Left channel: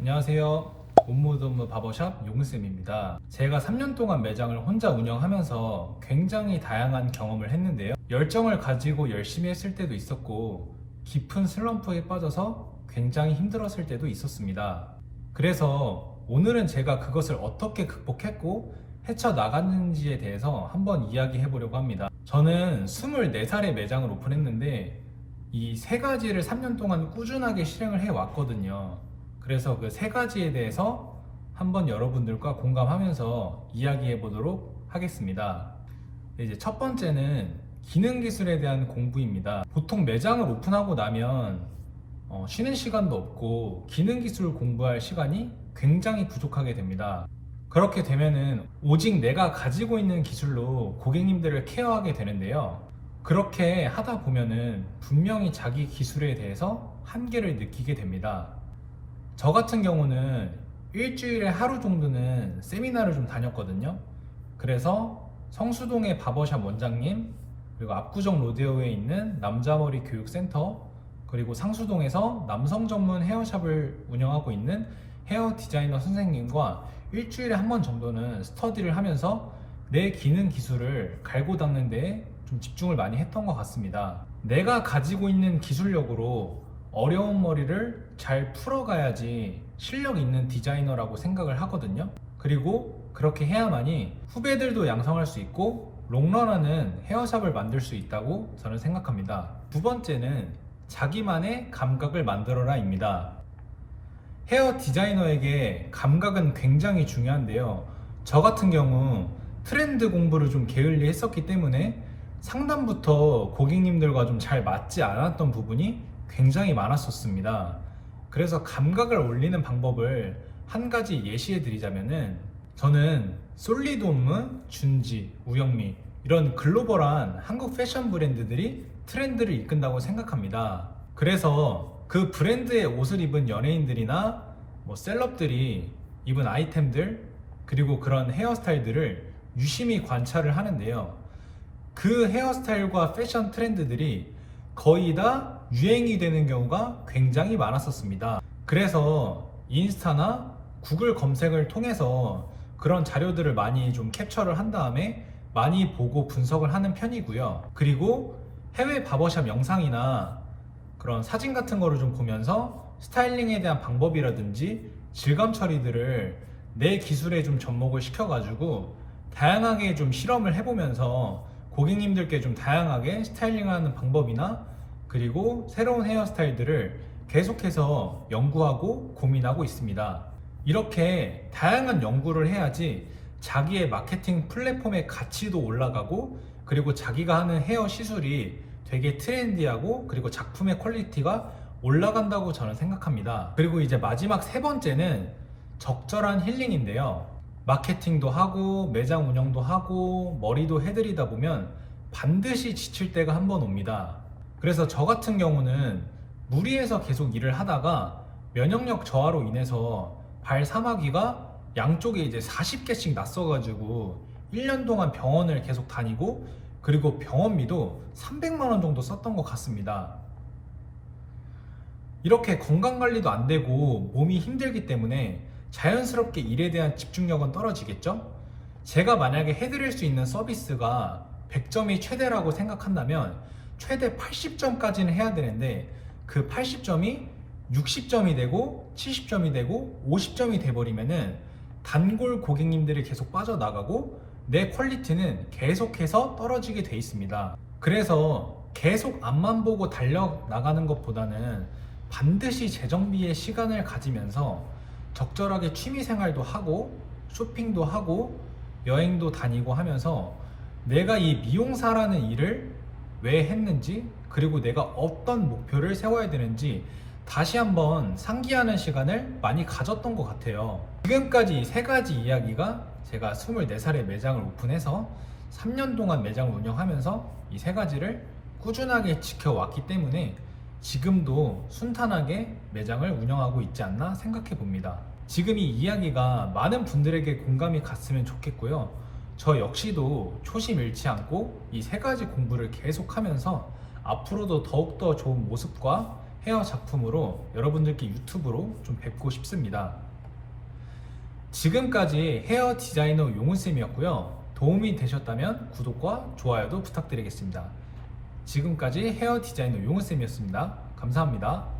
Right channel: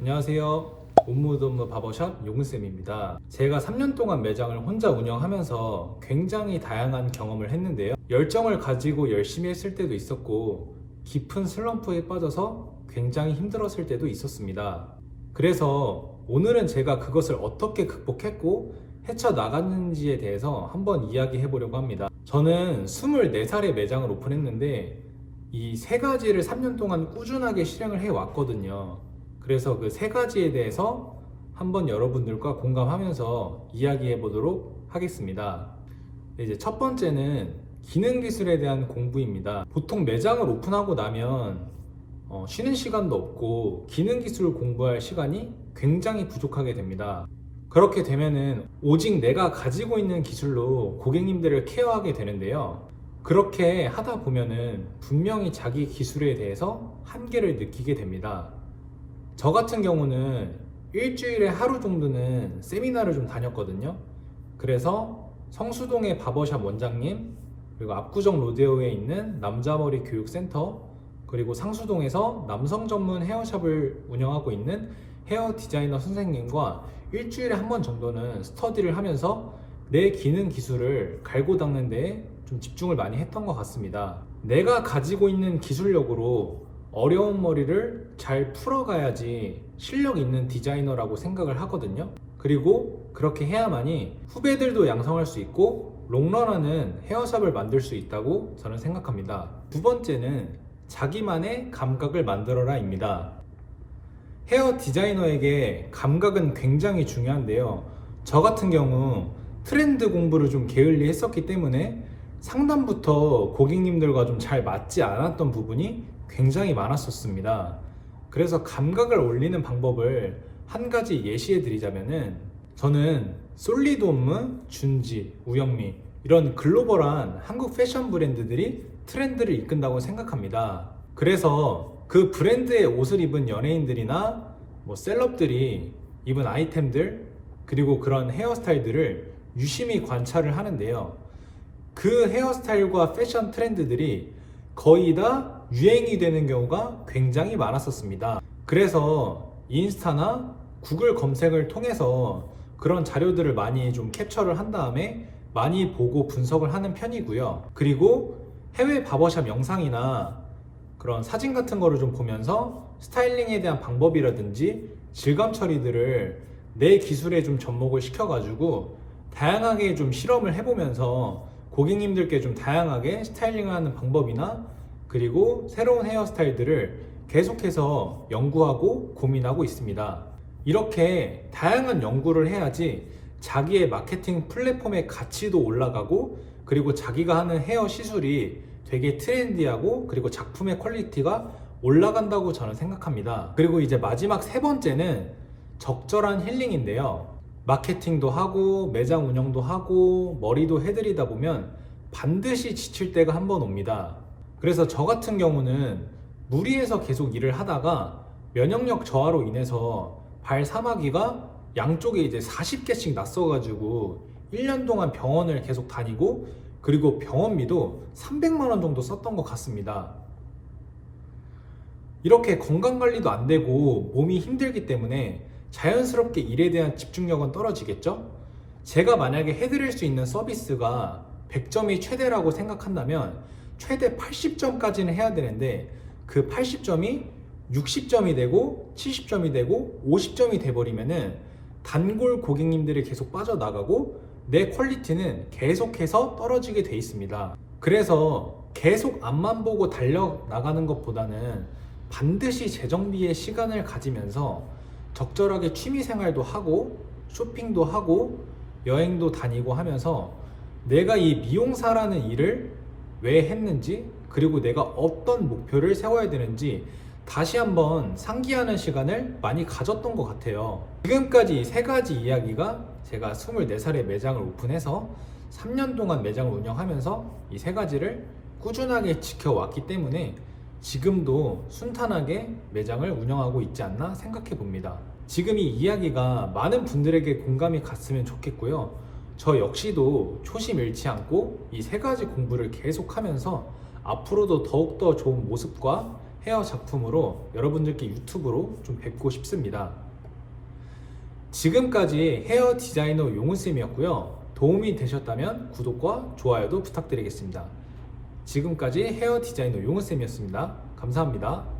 안녕하세요. 온무드온무 바버샵 용쌤입니다. 제가 3년 동안 매장을 혼자 운영하면서 굉장히 다양한 경험을 했는데요. 열정을 가지고 열심히 했을 때도 있었고 깊은 슬럼프에 빠져서 굉장히 힘들었을 때도 있었습니다. 그래서 오늘은 제가 그것을 어떻게 극복했고 헤쳐나갔는지에 대해서 한번 이야기해 보려고 합니다. 저는 24살에 매장을 오픈했는데 이 세 가지를 3년 동안 꾸준하게 실행을 해 왔거든요. 그래서 그 세 가지에 대해서 한번 여러분들과 공감하면서 이야기해 보도록 하겠습니다. 이제 첫 번째는 기능 기술에 대한 공부입니다. 보통 매장을 오픈하고 나면 쉬는 시간도 없고 기능 기술을 공부할 시간이 굉장히 부족하게 됩니다. 그렇게 되면은 오직 내가 가지고 있는 기술로 고객님들을 케어하게 되는데요. 그렇게 하다 보면은 분명히 자기 기술에 대해서 한계를 느끼게 됩니다. 저 같은 경우는 일주일에 하루 정도는 세미나를 좀 다녔거든요. 그래서 성수동의 바버샵 원장님, 그리고 압구정 로데오에 있는 남자머리 교육센터, 그리고 상수동에서 남성 전문 헤어샵을 운영하고 있는 헤어 디자이너 선생님과 일주일에 한 번 정도는 스터디를 하면서 내 기능 기술을 갈고 닦는 데에 좀 집중을 많이 했던 것 같습니다. 내가 가지고 있는 기술력으로 어려운 머리를 잘 풀어가야지 실력 있는 디자이너라고 생각을 하거든요. 그리고 그렇게 해야만이 후배들도 양성할 수 있고 롱런하는 헤어샵을 만들 수 있다고 저는 생각합니다. 두 번째는 자기만의 감각을 만들어라 입니다. 헤어 디자이너에게 감각은 굉장히 중요한데요. 저 같은 경우 트렌드 공부를 좀 게을리 했었기 때문에 상담부터 고객님들과 좀 잘 맞지 않았던 부분이 굉장히 많았었습니다. 그래서 감각을 올리는 방법을 한 가지 예시해 드리자면은 저는 솔리드홈무, 준지, 우영미 이런 글로벌한 한국 패션 브랜드들이 트렌드를 이끈다고 생각합니다. 그래서 그 브랜드의 옷을 입은 연예인들이나 셀럽들이 입은 아이템들 그리고 그런 헤어스타일들을 유심히 관찰을 하는데요. 그 헤어스타일과 패션 트렌드들이 거의 다 유행이 되는 경우가 굉장히 많았었습니다. 그래서 인스타나 구글 검색을 통해서 그런 자료들을 많이 좀 캡처를 한 다음에 많이 보고 분석을 하는 편이고요. 그리고 해외 바버샵 영상이나 그런 사진 같은 거를 좀 보면서 스타일링에 대한 방법이라든지 질감 처리들을 내 기술에 좀 접목을 시켜가지고 다양하게 좀 실험을 해보면서 고객님들께 좀 다양하게 스타일링하는 방법이나 그리고 새로운 헤어스타일들을 계속해서 연구하고 고민하고 있습니다. 이렇게 다양한 연구를 해야지 자기의 마케팅 플랫폼의 가치도 올라가고 그리고 자기가 하는 헤어 시술이 되게 트렌디하고 그리고 작품의 퀄리티가 올라간다고 저는 생각합니다. 그리고 이제 마지막 세 번째는 적절한 힐링인데요. 마케팅도 하고 매장 운영도 하고 머리도 해드리다 보면 반드시 지칠 때가 한 번 옵니다. 그래서 저 같은 경우는 무리해서 계속 일을 하다가 면역력 저하로 인해서 발 사마귀가 양쪽에 이제 40개씩 났어가지고 1년 동안 병원을 계속 다니고 그리고 병원비도 300만 원 정도 썼던 것 같습니다. 이렇게 건강관리도 안 되고 몸이 힘들기 때문에 자연스럽게 일에 대한 집중력은 떨어지겠죠? 제가 만약에 해드릴 수 있는 서비스가 100점이 최대라고 생각한다면 최대 80점까지는 해야 되는데 그 80점이 60점이 되고 70점이 되고 50점이 돼버리면은 단골 고객님들이 계속 빠져나가고 내 퀄리티는 계속해서 떨어지게 돼 있습니다. 그래서 계속 앞만 보고 달려나가는 것보다는 반드시 재정비의 시간을 가지면서 적절하게 취미생활도 하고 쇼핑도 하고 여행도 다니고 하면서 내가 이 미용사라는 일을 왜 했는지 그리고 내가 어떤 목표를 세워야 되는지 다시 한번 상기하는 시간을 많이 가졌던 것 같아요. 지금까지 이 세 가지 이야기가 제가 24살에 매장을 오픈해서 3년 동안 매장을 운영하면서 이 세 가지를 꾸준하게 지켜왔기 때문에 지금도 순탄하게 매장을 운영하고 있지 않나 생각해 봅니다. 지금 이 이야기가 많은 분들에게 공감이 갔으면 좋겠고요. 저 역시도 초심 잃지 않고 이 세 가지 공부를 계속하면서 앞으로도 더욱더 좋은 모습과 헤어 작품으로 여러분들께 유튜브로 좀 뵙고 싶습니다. 지금까지 헤어 디자이너 용훈쌤이었고요. 도움이 되셨다면 구독과 좋아요도 부탁드리겠습니다. 지금까지 헤어 디자이너 용훈쌤이었습니다. 감사합니다.